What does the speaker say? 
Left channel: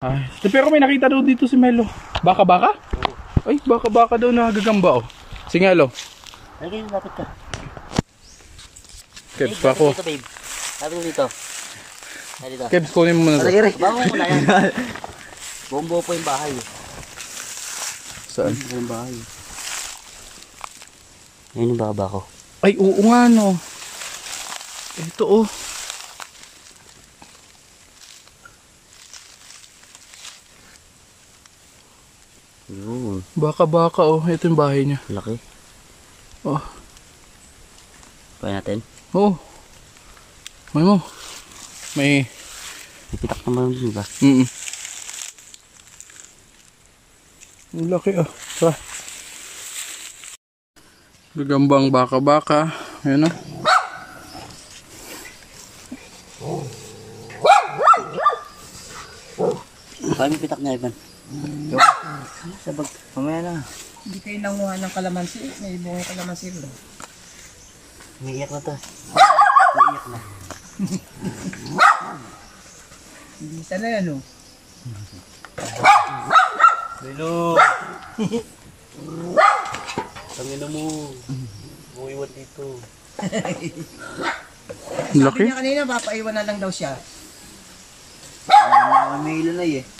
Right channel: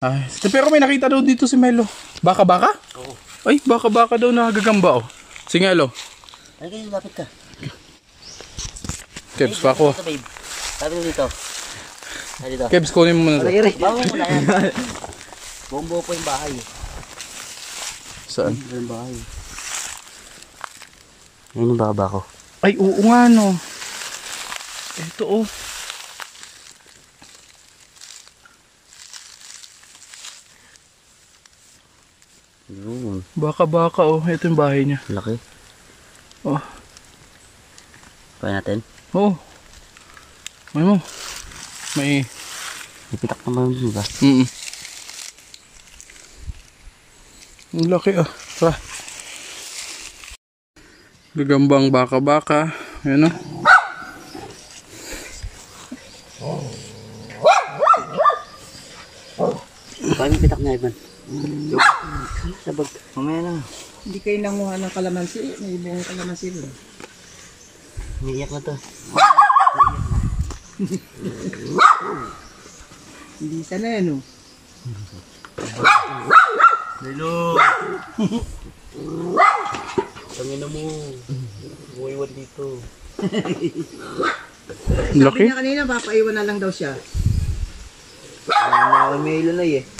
Ay, pero may nakita daw dito si Melo. Baka-baka? Oo. Ay, baka-baka daw nakagagamba oh. Sige, Alo. Ay, kayo, lapit ka. Kebs pa ako. Dito, babe. Lapit ka dito. Ay, dito. Kebs, kunin mo muna. Aray, bago mo na yan. Buong-buo po yung bahay. Saan? Yung bahay. Ayun yung baba ko. Ay, oo nga no. Ito oh. Yun. Baka-baka oh. Ito yung bahay niya. Laki. Oh. Pwede natin. Oh. May mo. May... Ipitak naman yun ba? Ang laki ah. Tara. Gagambang baka-baka. Ayan oh. Paano pitak niya, Ivan? Sabag. Mamaya na. Hindi kayo nanguha ng kalamansi. May bunga kalamansi mo. Umiiyak na to. Hindi sana yan o. Hello. Tangina mo. Buwiwan dito. Ang laki. Sabi niya kanina, papaiwan na lang daw siya. May ilo na eh.